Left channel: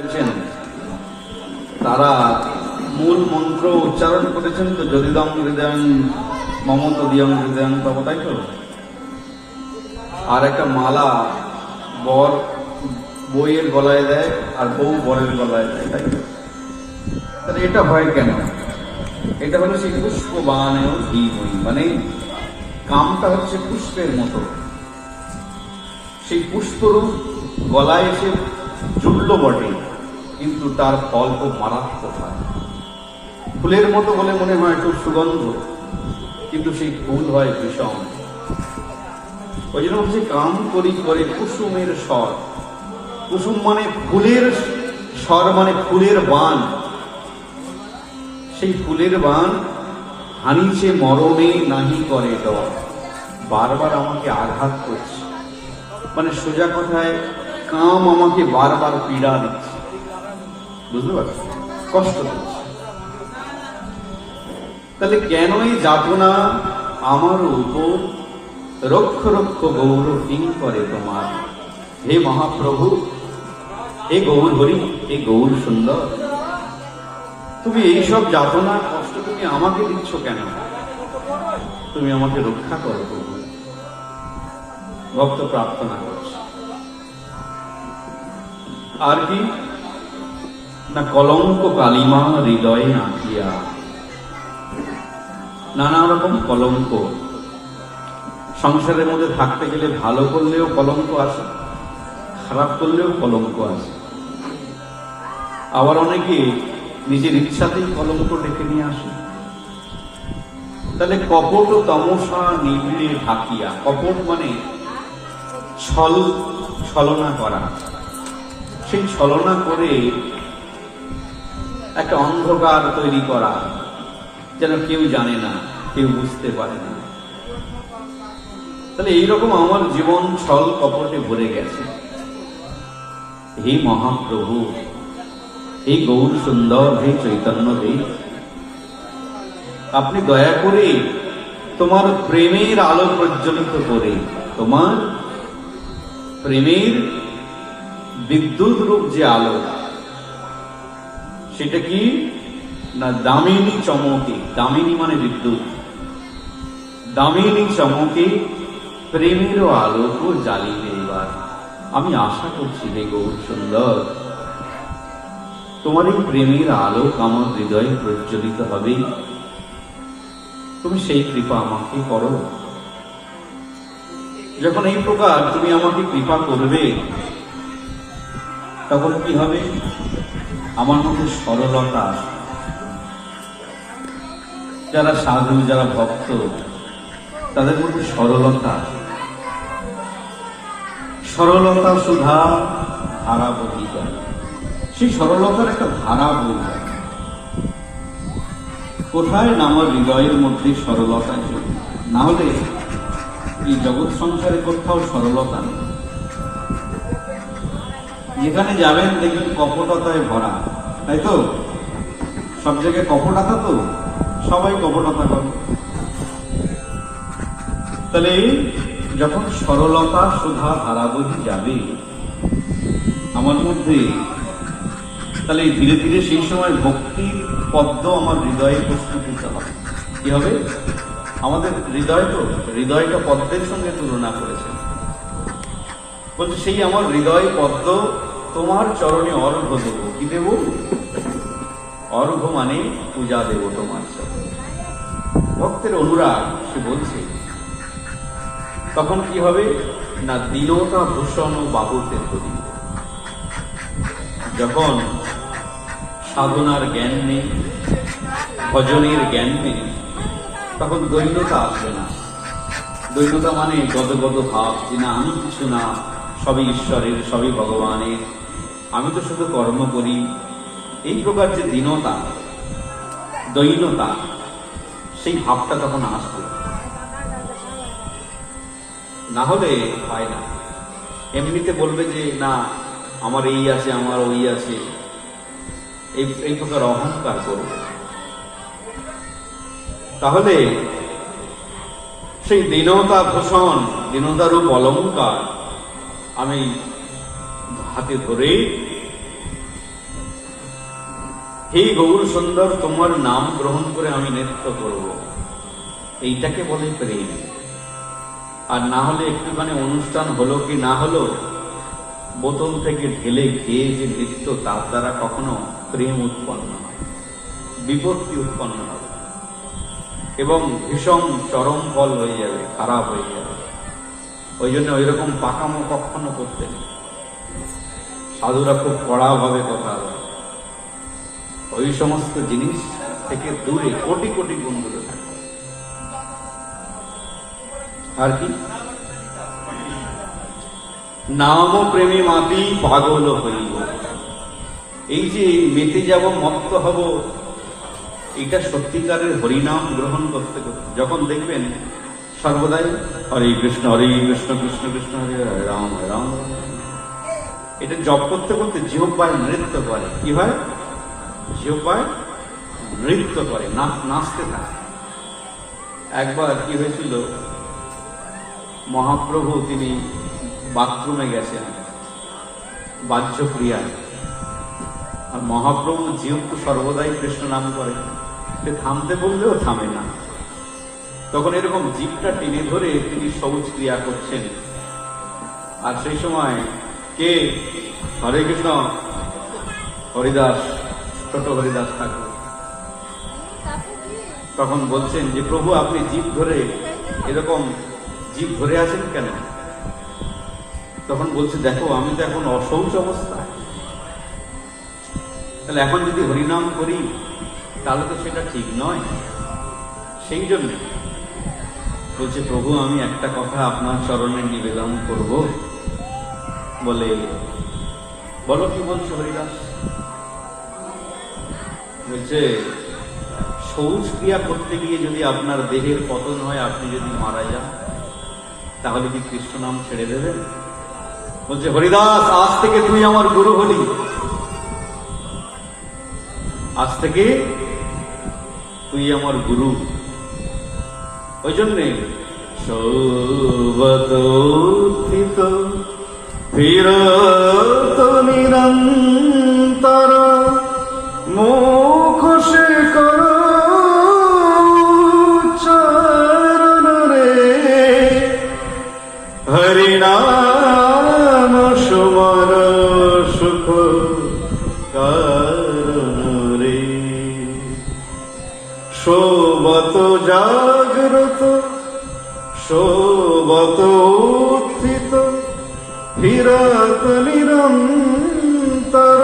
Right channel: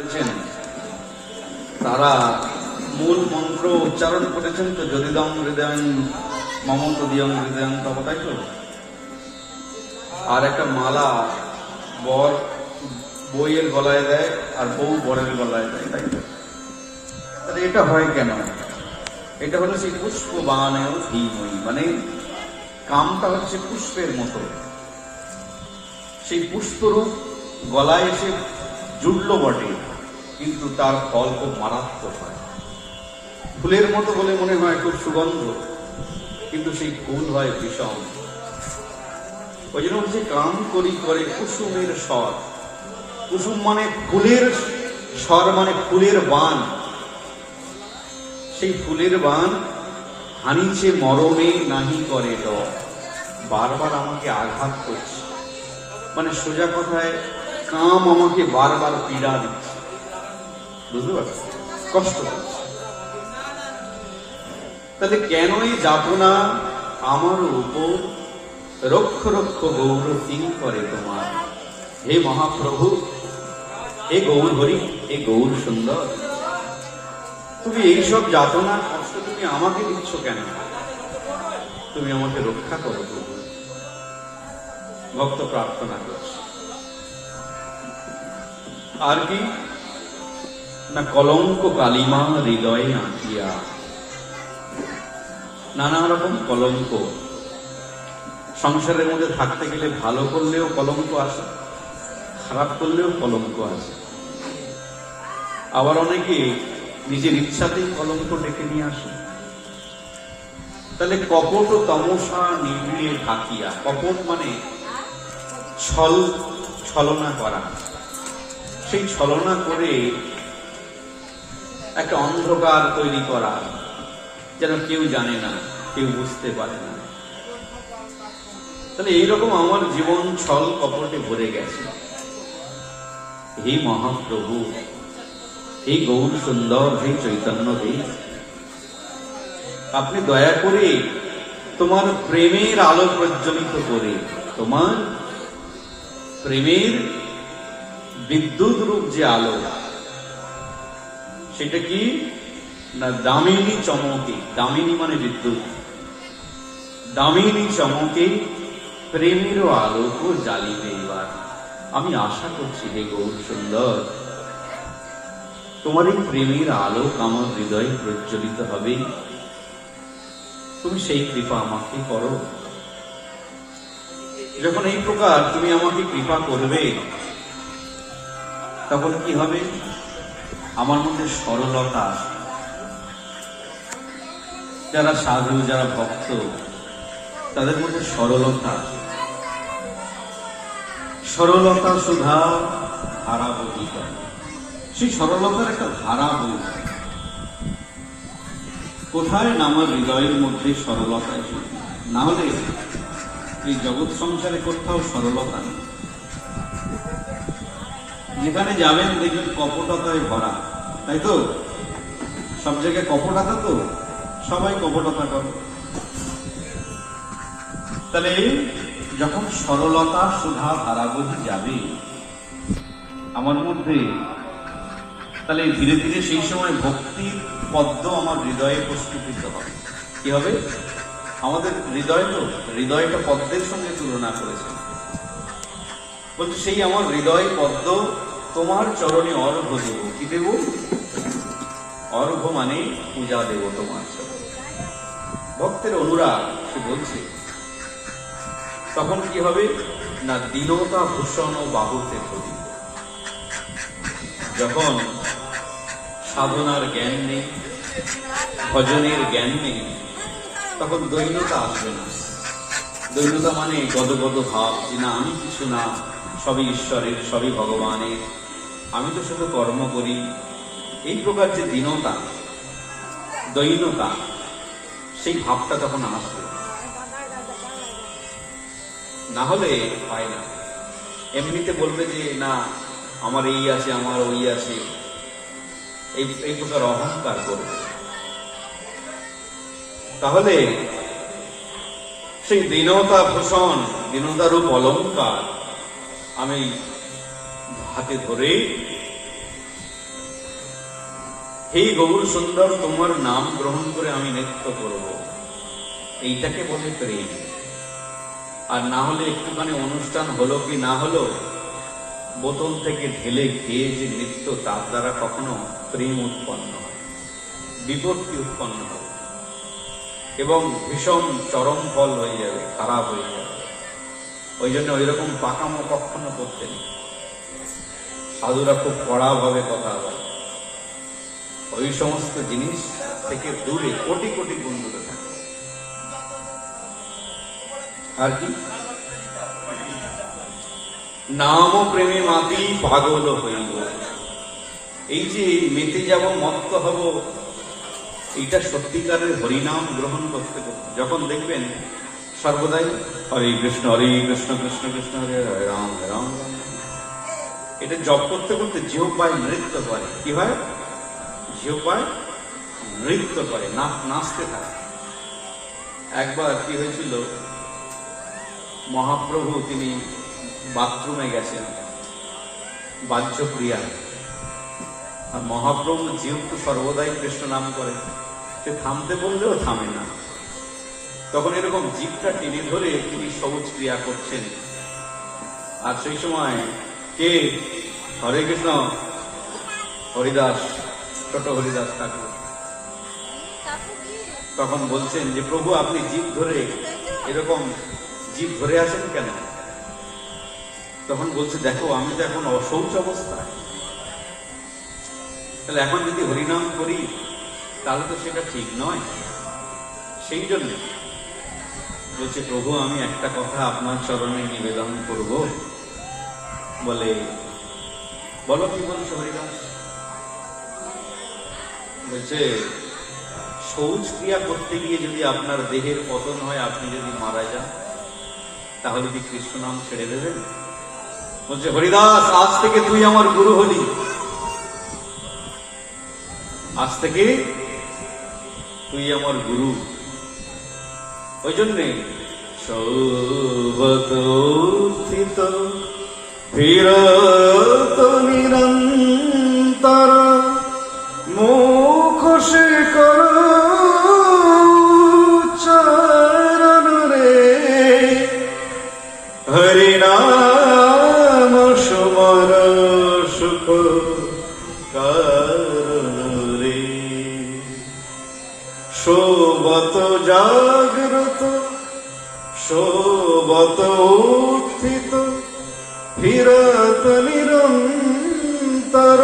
বলছেন তারা মূল মন্ত্র উচ্চারণ করেছেন তো, যদিদং হৃদয়ং মমত দিয়ং হৃদয়ং তব, তাই তো। আর একটা মালা বর বইয়ের গলায় দেয় আর বউ বরের গলায় দেয়, তাই তো। তাহলে এটা হয় কেন? এটা হলো সেই পুষ্প বাগানেও ধীময়ী, মানে কামটা হচ্ছে পুষ্পের মতো। সেই পুষ্পরূপ গলায় এসে জুটল বটে, কিন্তু তার ফল খুব মারাত্মক হয়। ফুলের মতো বলে মনে হয় খুব সুগন্ধ, কিন্তু সেই ফুল হয় বিষম। ওই জন্য হচ্ছে কাম করি করে কুসুমের স্বর। কুসুম মানে ফুলের স্বর, মানে ফুলের বান। সেই ফুলের বান হানিছে মরণে নাহি করে ডর। বারবার আমাকে আঘাত করছে, মানে সোজা কথায় কাম আমাকে বারবার পীড়া দিচ্ছে, বুঝতে পারছি, কষ্ট দিচ্ছে। তাহলে কেনই যাতনা আমার উপর? রক্ষ রক্ষ গৌর কি করে তোমার? হে মহাপ্রভু, হে গৌর হরি, হে গৌর সুন্দর, তুমি এইসব যাতনা কষ্ট তুমি আমাকে দিচ্ছ কেন? তুমি আমাকে রক্ষা করো প্রভু। ভক্ত প্রার্থনা করছে। আর কি না, কলঙ্ক কালিমা হৃদয়ে নাকিয়া। নানা রকম কলঙ্ক সংসারের মধ্যে থাকতে গেলে, ভালো করলেও কলঙ্ক আসে, খারাপ করলেও কলঙ্ক আসে। আবার অনেকে নিজের ইচ্ছাতেই কলঙ্ক ডেকে নিয়ে আসে। তাহলে কপট ও তমসা নিবিড়ে ঢাকিয়া। কপট মানে ছলনা করা। সেই ছলনা করে একটা অন্ধকার তৈরি করা, যেন কেউ জানে না, কেউ বুঝতে পারে না। তাহলে এইরকম আমার জীবন ছল কপটে ভরে গেছে। হে মহাপ্রভু, হে গৌর সুন্দর, হে চৈতন্য দেব, আপনি দয়া করে তোমার প্রেমের আলো প্রজ্বলিত করে, তোমার প্রেমের বিদ্যুৎ রূপ যে আলো, সেটা কি না, দামিনী চমকে। দামিনী মানে বিদ্যুৎ। দামিনী চমকে প্রেমেরও আলোক জ্বালিয়ে এবার। আমি আশা করছি হে গৌর সুন্দর, তোমার এই প্রেমের আলোক আমার হৃদয়ে প্রজ্বলিত হবে। তুমি সেই কৃপা আমাকে করো। যখন এই প্রকার তুমি আমাকে কৃপা করবে, তখন কি হবে? আমার মধ্যে সরলতা। যারা সাধু, যারা ভক্ত, তাদের মধ্যে সরলতা। সরলতা সুধা ধারা বহিত। সেই সরলতার একটা ধারা বইবে। কোথায় না আমার হৃদয়ের মধ্যে সরলতা, না হলে এই জগৎ সংসারে কোথাও সরলতা নেই। যেখানে যাবেন দেখবেন কপটতায় ভরা, তাই তো। সব জায়গায় কপটতা, তো সবাই কপটতা করে। তাহলে যখন সরলতা সুধা ধারাবহী যাবে আমার মধ্যে, তাহলে ধীরে ধীরে সেই সময় ভক্তির পদ্ম আমার হৃদয়ে প্রস্ফুটিত হবে। কি হবে? আমাদের হৃদয়, তো হৃদয়টা পদ্মের সঙ্গে তুলনা করেছে। বলছে সেই আমার হৃদয় পদ্ম তোমার চরণে অর্ঘ্য দেব। কি দেব? অর্ঘ্য মানে পূজা দেব তোমার চরণে। ভক্তের অনুরাগ সে বলছে। তখন কি হবে না, দীনতা ভূষণ ও বাহুতে ধরি। যখন সাধনার জ্ঞান নেই, ভজনের জ্ঞান নেই, তখন দৈন্যতা আসবে না। দৈন্যতা মানে গদগদ ভাব, যে না আমি কিছু না, সবই ঈশ্বরের, সবই ভগবানের, আমি তো শুধু কর্ম করি। এই প্রকার যে দীনতা, দৈন্যতা, সেই ভাবটা তখন আসবে। না হলে হয় না। এমনিতে বলবে যে না আমার এই আছে, আমার ওই আছে, এই প্রকার অহংকার করবে। তাহলে সেই দীনতা ভূষণ, দীনতারূপ অলঙ্কার আমি হাতে ধরে হে গৌর সুন্দর, তোমার নাম গ্রহণ করে আমি নৃত্য করব, এইটাকে বলে প্রেম। আর না হলে একটুখানি অনুষ্ঠান হলো কি না হলো, বোতল থেকে ঢেলে খেয়ে যে নৃত্য, তার দ্বারা কখনো প্রেম উৎপন্ন হয়, বিপত্তি উৎপন্ন হবে এবং ভীষণ চরম ফল হয়ে যাবে, খারাপ হয়ে যাবে। ওই জন্য ওই রকম পাকামো কখনো করতে নেই। সাধুরা খুব কড়াভাবে কথা বলে, ওই সমস্ত জিনিস থেকে দূরে, কোটি কোটি গুণ দূরে থাকে। আর কি, নাম প্রেমে মাতি পাগল হইব, এই যে মেতে যাব, মত্ত হব, এটা সত্যিকারের হরিনাম গ্রহণ করতে করতে। যখন দেখবেন সর্বদাই হরে কৃষ্ণ কৃষ্ণ কৃষ্ণ হরে হরে রাম হরে রাম, এটা জপ করতে করতে জিহ্বায় নৃত্য করে। কি হয়? জিহ্বায় নৃত্য করে, নাচতে থাকে। একবার কি হয়েছিল, মহাপ্রভু তিনি বাথরুমে গেছেন, বাহ্য ক্রিয়া, আর মহাপ্রভু যেহেতু সর্বদাই কৃষ্ণ নাম করে, সে থামতে বললেও থামে না। তখন এরকম জিভটা টেনে ধরে তিনি শৌচ ক্রিয়া করছেন। আর সেই সময় কে, হরে কৃষ্ণ হরিদাস, ছোট হরিদাস ঠাকুর তখন বলছেন যে প্রভু আপনি জিভ ধরে এরকম জিভ ধরে আছেন কেন? তখন বলছে দেখো আমি তো এখন অশৌচ অবস্থা, তাহলে এখন যদি হরিনাম করি তাহলে তো সেটা ঠিক নয়। সেই জন্য বলছে প্রভু আমি একটা কথা আপনার চরণে নিবেদন করব। বলে বলো কি বলছো হরিদাস? বলছে শৌচ ক্রিয়া করতে গিয়ে যদি আপনার দেহের পতন হয়, আপনি যদি মারা যান, তাহলে কি কৃষ্ণ নাম ছেড়ে দেবেন? বলছে হরিদাস আজ থেকে তুই আমার গুরু হলি, আজ থেকে তুই আমার গুরু। ওই জন্যে সৌবতোত্থিত ফিরত নিরন্তর মুখ শিকর চরণ রে, হরিনাম সুমর সুখ কারণ রে। শোবত জাগ্রত শোবত উত্থিত ফিরত নিরন্তর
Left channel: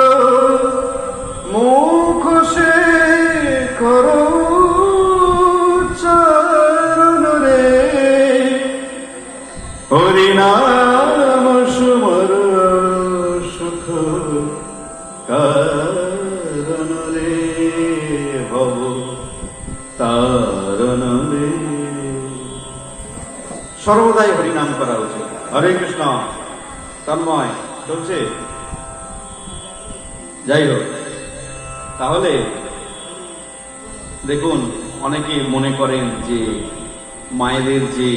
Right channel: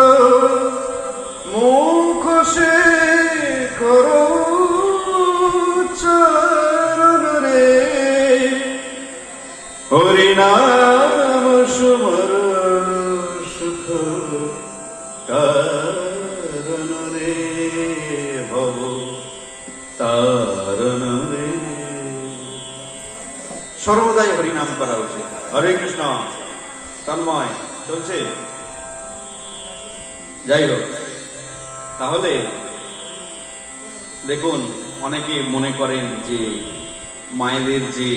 মুখ সে করো চরণ রে, হরিনাম সুমর সুখ কারণ রে, ভব তারণ রে। সর্বদাই হরিনাম করা উচিত। হরে কৃষ্ণ তন্ময় চলছে। যাই হোক, তাহলে দেখুন অনেকে মনে করেন যে মায়েদের যে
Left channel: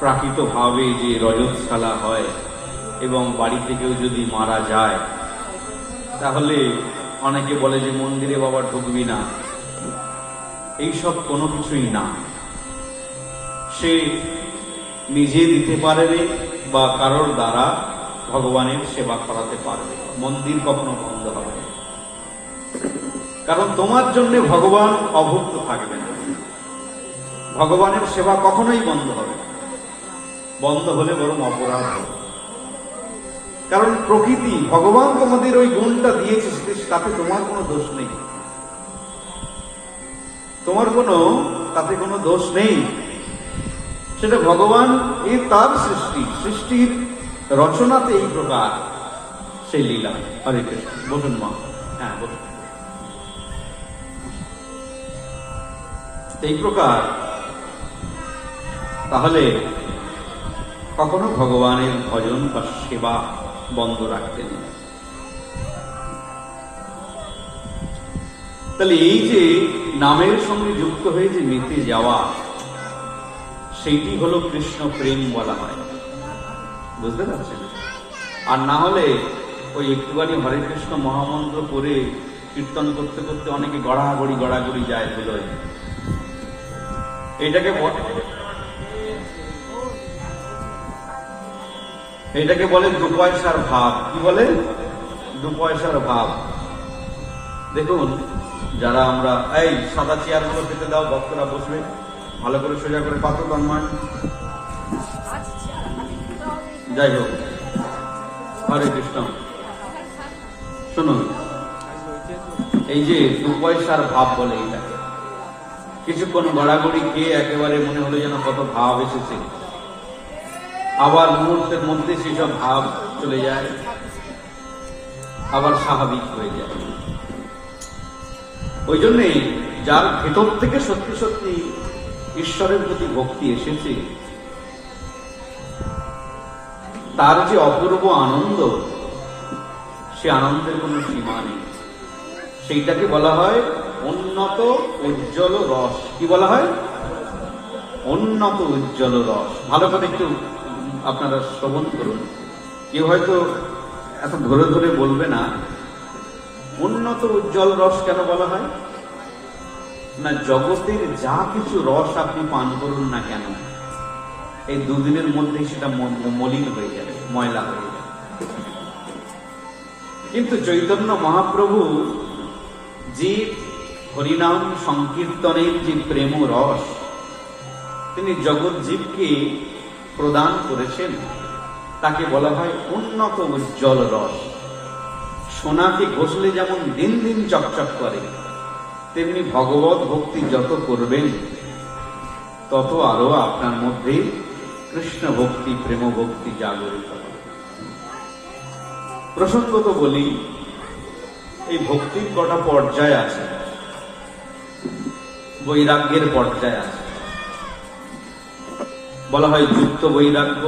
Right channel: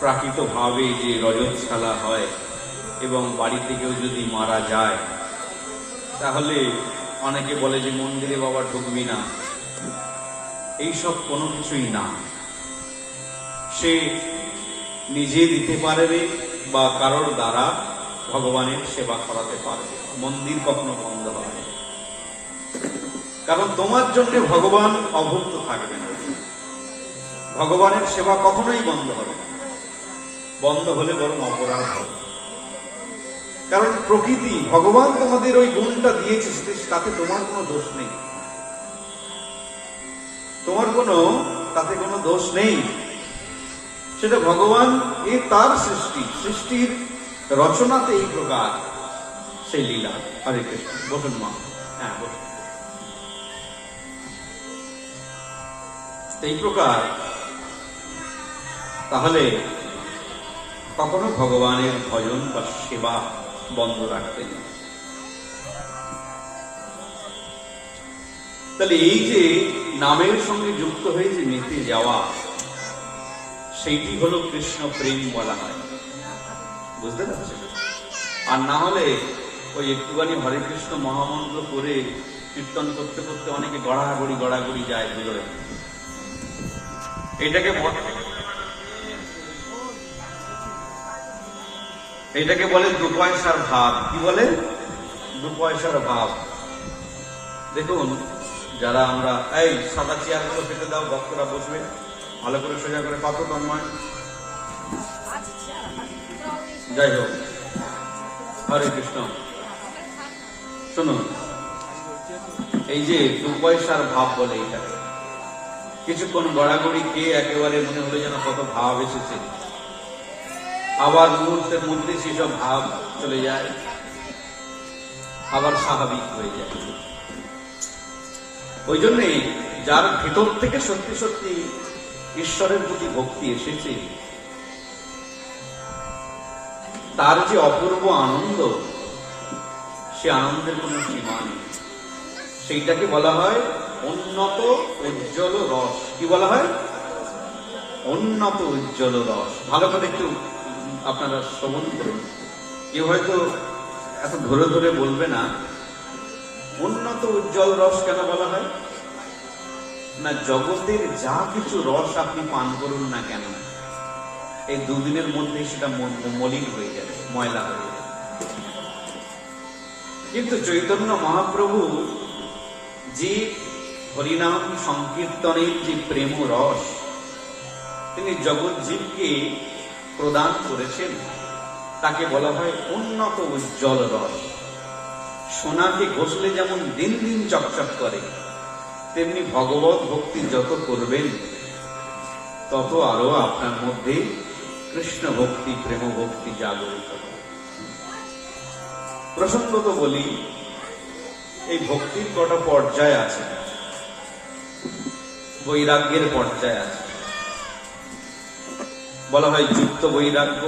প্রাকৃতভাবে যে রজতশালা হয় এবং বাড়ি থেকেও যদি মারা যায়, তাহলে অনেকে বলে যে মন্দিরে বাবা ঢুকবি না। এইসব কোনো কিছুই না। সে নিজে দিতে পারবে বা কারোর দ্বারা ভগবানের সেবা করাতে পারবে, মন্দির কখনো বন্ধ হবে না। কারণ তোমার জন্য ভগবান অভুক্ত থাকবে না, ভগবানের সেবা কখনোই বন্ধ হবে না। বন্ধ হলে বরং অপরাধ হবে। কারণ প্রকৃতি, ভগবান তোমাদের ওই গুণটা দিয়েছে, তাতে তোমার কোনো দোষ নেই, তোমার কোনো তাতে কোনো দোষ নেই। সেটা ভগবান এই তার সৃষ্টি, সৃষ্টির রচনাতে এই প্রকার সেই লীলা। হরে কৃষ্ণ। বসুন মা, হ্যাঁ বসুন। এই প্রকার তাহলে কখনো ভগবানের ভজন বা সেবা বন্ধ রাখতে নেই। তাহলে এই যে নামের সঙ্গে যুক্ত হয়ে যে মেতে যাওয়া, সেইটি হলো কৃষ্ণ প্রেম বলা হয়। বুঝতে পারছেন? আর না হলে ওই একটুখানি হরে কৃষ্ণ মহামন্ত্র করে কীর্তন করতে করতে অনেকে গড়াগড়ি যায় ধুলোয়। এটাকে বলে দু পয়সার ভাব। কি বলে? দু পয়সার ভাব। দেখুন, যারা আমরা এই সাদা চেয়ারগুলো পেতে দাও, ভক্তরা বসবে, ভালো করে সোজা করে পাতো তন্ময়। যাই হোক, হরে কৃষ্ণ। শুনুন, এই যে দু পয়সার ভাব বলে এটা, কিছুক্ষণ গড়াগড়ি খেয়ে একেবারে মনে হলো যেন কত ভাব এসেছে, আবার মুহূর্তের মধ্যে সেসব ভাব চলে যায়, আবার স্বাভাবিক হয়ে যায়। ওই জন্যই যার ভেতর থেকে সত্যি সত্যি ঈশ্বরের প্রতি ভক্তি এসেছে, তার যে অপূর্ব আনন্দ, সে আনন্দের কোনো সীমা নেই। সেইটাকে বলা হয় উন্নত উজ্জ্বল রস। কি বলা হয়? উন্নত উজ্জ্বল রস। ভালো করে একটু আপনারা শ্রবণ করুন। কেউ হয়তো এত ধরে ধরে বলবে না, উন্নত উজ্জ্বল রস কেন বলা হয়? না, জগতের যা কিছু রস আপনি পান করুন না কেন, এই দুদিনের মধ্যে সেটা মলিন হয়ে যাবে, ময়লা হয়ে যাবে। কিন্তু চৈতন্য মহাপ্রভু যে হরিনাম সংকীর্তনের যে প্রেম রস তিনি জগৎ জীবকে প্রদান করেছেন, তাকে বলা হয় উন্নত উজ্জ্বল রস। সোনাকে ঘষলে যেমন দিন দিন চকচক করে, তেমনি ভগবত ভক্তি যত করবেন তত আরো আপনার মধ্যে কৃষ্ণ ভক্তি, প্রেম ভক্তি জাগরিত হবে। প্রসঙ্গত বলি, এই ভক্তির কটা পর্যায় আছে। বৈরাগ্যের পর্যায় আছে। বলা হয় যুক্ত বৈরাগ্য,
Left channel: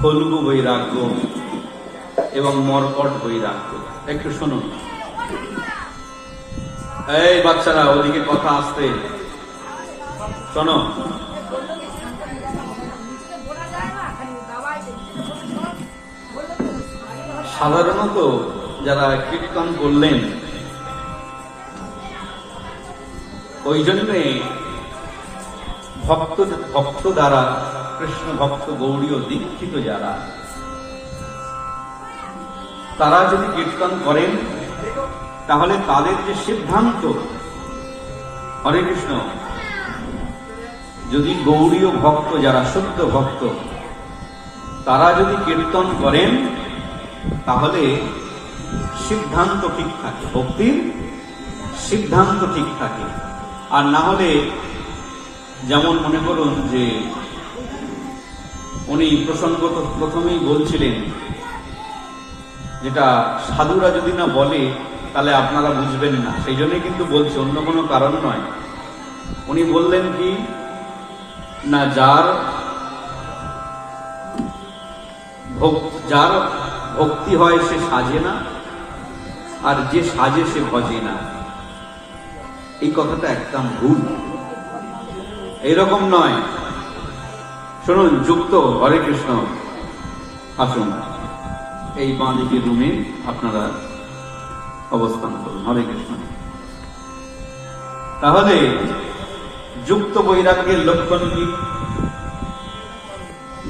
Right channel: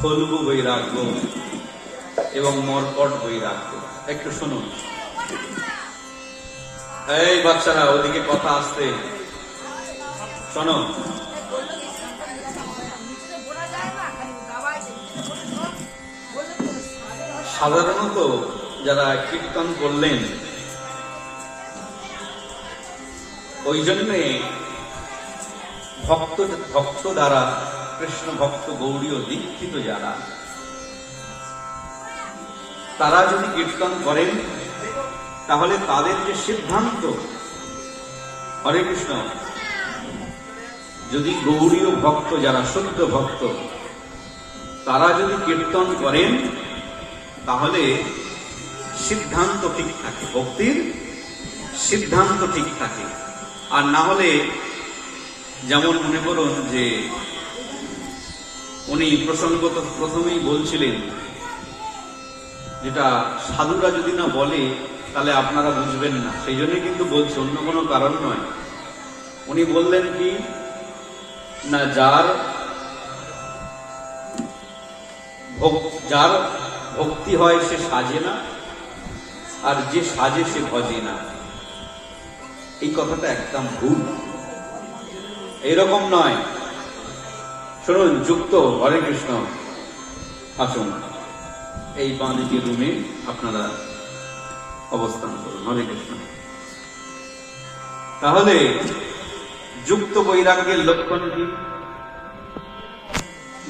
ফল্গু বৈরাগ্য এবং মর্কট বৈরাগ্য। একটু শুনুন। এই বাচ্চারা, ওদিকে কথা আসছে, শোনো। সাধারণত যারা কীর্তন করলেন, ওই জন্যে ভক্ত দ্বারা, কৃষ্ণ ভক্ত গৌড়ীয় দীক্ষিত যারা, তারা যদি কীর্তন করেন তাহলে তাদের যে সিদ্ধান্ত, হরে কৃষ্ণ, যদি গৌড়ীয় ভক্ত যারা, শুদ্ধ ভক্ত, তারা যদি কীর্তন করেন তাহলে সিদ্ধান্ত ঠিক থাকে, ভক্তির সিদ্ধান্ত ঠিক থাকে। আর না হলে, যেমন মনে করুন যে উনি প্রসঙ্গত প্রথমেই বলছিলেন, যেটা সাধুরা যদি না বলে তাহলে আপনারা বুঝবেন না, সেই জন্যই কিন্তু বলছি, অন্য কোনো কারণ নয়। উনি বললেন কি না, যার ভক্তি হয় সে সাজে না, আর যে সাজে সে ভজে না। এই কথাটা একদম ভুল, এরকম নয়। শুনুন, যুক্ত, হরে কৃষ্ণ, আসুন এই বাঁদিকে রুমে আপনারা অবস্থান করুন, হরে কৃষ্ণ। তাহলে যুক্ত বৈরাগ্যের লক্ষণ কি?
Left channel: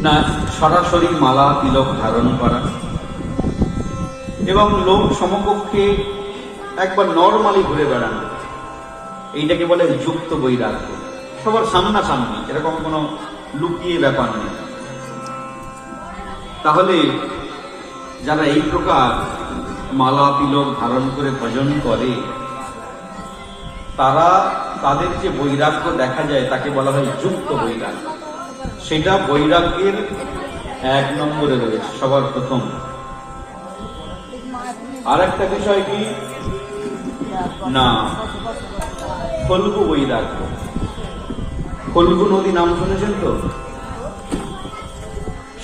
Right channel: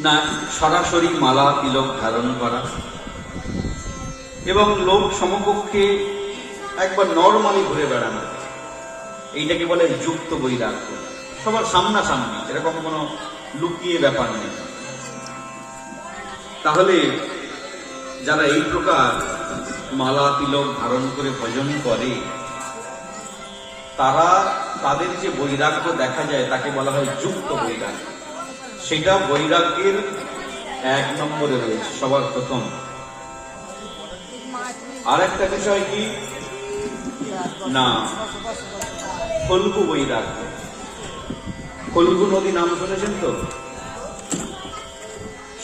না, সরাসরি মালা তিলক ধারণ করা এবং লোক সমকক্ষে একবার নর্মালি ঘুরে বেড়ানো, এইটাকে বলে যুক্ত বৈরাগ্য। সবার সামনাসামনি, এরকম কোনো লুকিয়ে ব্যাপার নেই। তাহলে যারা এই প্রকার মালা তিলক ধারণ করে ভজন করে, তারা, তাদের যে বৈরাগ্য দেখা যায় তাকে বলা হয় যুক্ত বৈরাগ্য। সেটা বৈরাগ্যের 1 নম্বরে রয়েছে, সবার প্রথম। আর একটা বিষয় কি না, ফল্গু বৈরাগ্য। ফল্গু নদী নাম শুনেছেন তো?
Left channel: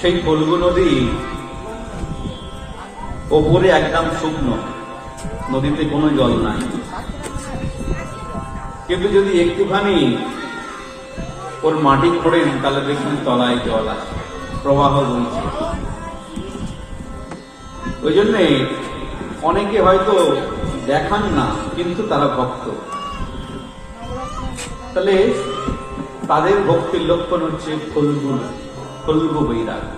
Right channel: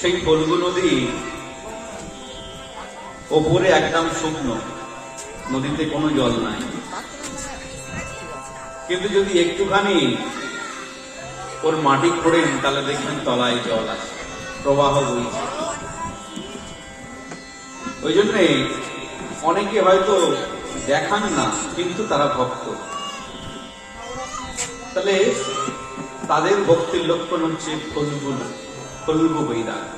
সেই ফল্গু নদী ওপরে একদম শুকনো, নদীতে কোনো জল নাই, কিন্তু যদি একটুখানি ওর মাটি খোঁড়েন তাহলে দেখবেন তলায় জল আছে, প্রবাহ বইছে। ওই জন্যে অনেকে হয়তো দেখান না, কিন্তু তারা ভক্ত। তাহলে তাদের ভক্তির লক্ষণ হচ্ছে ফল্গু বৈরাগ্য।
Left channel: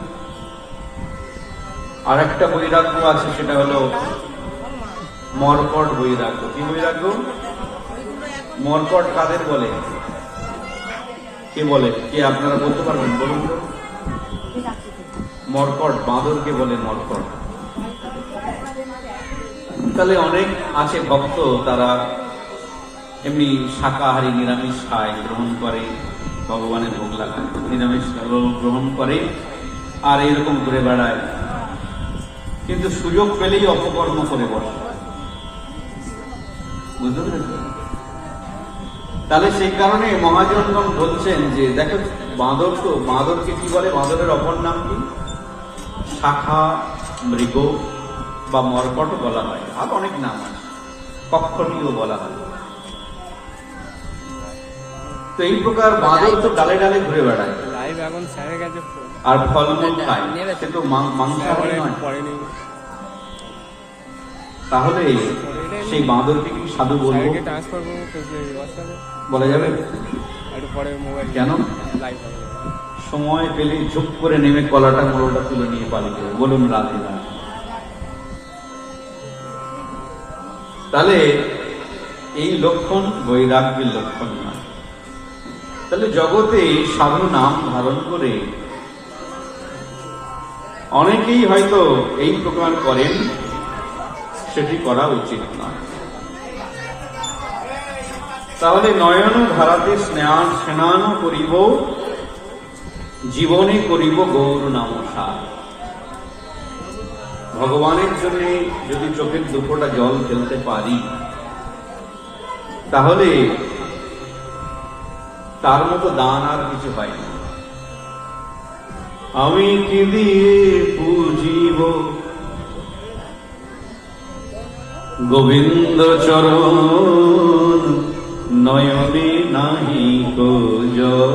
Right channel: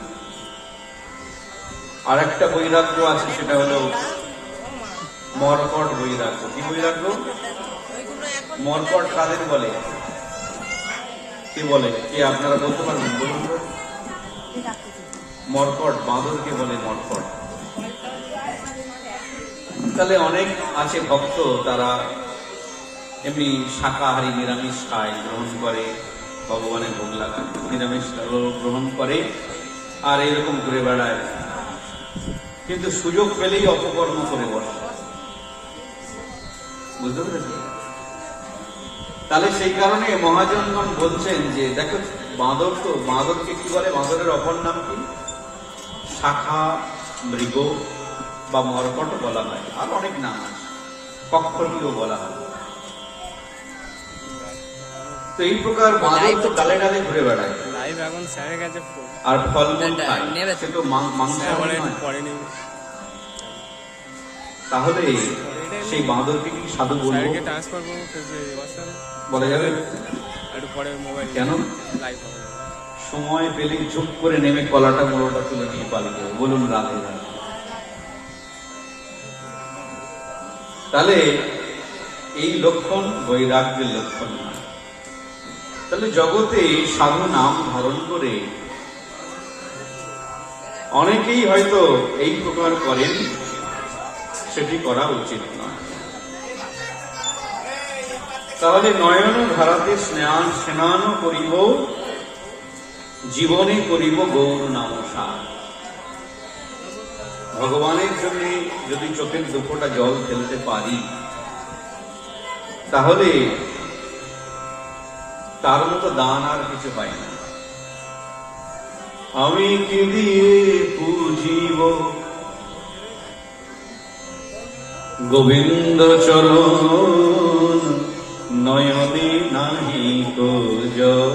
আর একটা বৈরাগ্য আছে, সেটা হলো মর্কট বৈরাগ্য। কি বৈরাগ্য? মর্কট কাদের বলে? কে বলে? কে আপনারা বলতে পারবেন? বলুন তো। মর্কট, বাঁদরকে বলে মর্কট। তাহলে অনেক আছে ভক্ত, তারা এমনি শাকাহারী নিরামিষ খায়, গ্রহণ করে, ভগবানের ভোগ লাগায়, নিরামিষ গ্রহণ করে, আর এরকম ঘুরে বেড়ায়, কিন্তু সুযোগ পেলেই অপকর্ম করে বসে। বুঝতে পেরেছেন? তাহলে সেই কারণে মহাজনগণ বলছেন যে দেখো, বাঁদর তো, বাঁদরকে কি বলে? বাঁদরের অপর নাম কি? শাখা, মৃগ বা মর্কট বলা হয়, আর অনেক নাম আছে, কক্ষটিও বলা হয়। তো এই প্রকার বাঁদর তো ডালে ডালে ঘুরে বেড়ায় আর ফলমূল খায়, সে তো মাংস নয়। তাহলে সেই বাঁদরকে কি সাধু বলবো? বলা যাবে? কেন? সময় পেলে ঝুপ করে নেমে কলাটা মোড়টা তুলে নিয়ে পালিয়ে যাবে। বলুন রাধে না? তাহলে এই লক্ষণ বৈরাগ্যের লক্ষণ নয়। তাহলে জগতে সাধু নাম ধারণ করে অনেকেই হয়তো এই প্রকার করেন, সেটি করা উচিত না। তাহলে নয়ন ধারাতে স্নান করিব, জীবনে করিব গৌর নাম সার। ভগবানের জন্য যদি চোখের দুটোটা জল ফেলতে পারি, তাহলে তার মতো দান আর কিছু হয় না। আমি কি দিয়ে পুজিব গোবিন্দ চরণ, নয়নে নাহি কো জল।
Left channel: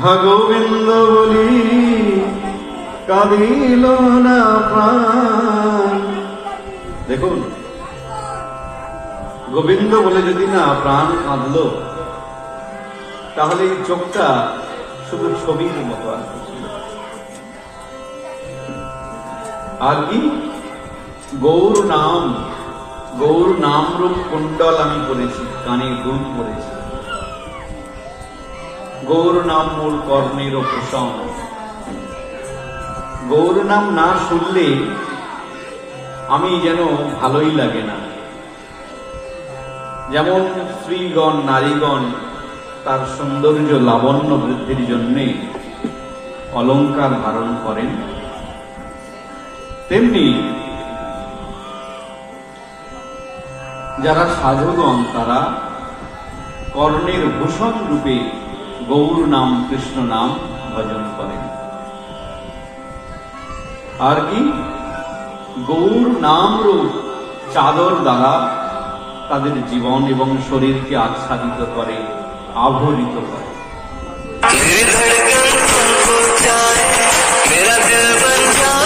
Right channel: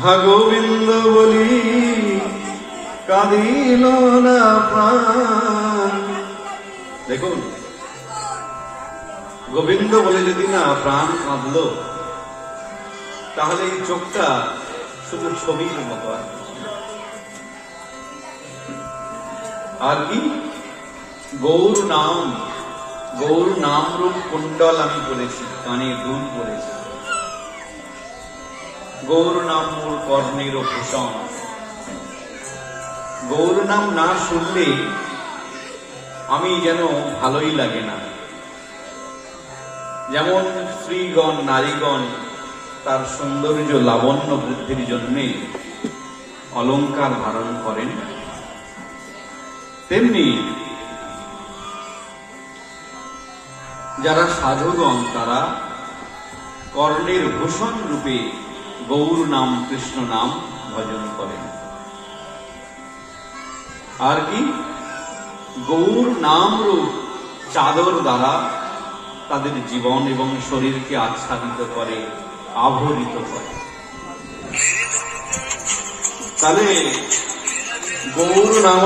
হা গোবিন্দ বলি কাঁদিল না প্রাণ। দেখুন, গোবিন্দ বলে যদি না প্রাণ কাঁদল, তাহলে এই চোখটা শুধু ছবির মতো আর কি? গৌর নাম রূপ কুণ্ডল আমি বলেছি, কানে দুল বলেছি। গৌর নাম মূল কর্ণের ভূষণ। গৌর নাম না শুনলে আমি যেন ভালোই লাগে না। যেমন স্ত্রীগণ, নারীগণ তার সৌন্দর্য লাবণ্য বৃদ্ধির জন্যে অলঙ্কার ধারণ করেন, তেমনি যারা সাধুগণ তারা কর্ণের ভূষণ রূপে গৌর নাম, কৃষ্ণ নাম ভজন করেন। আর কি? গৌর নাম রূপ চাদর দ্বারা তাদের জীবন এবং শরীরকে আচ্ছাদিত করে, আভরিত করে। গৌর নাম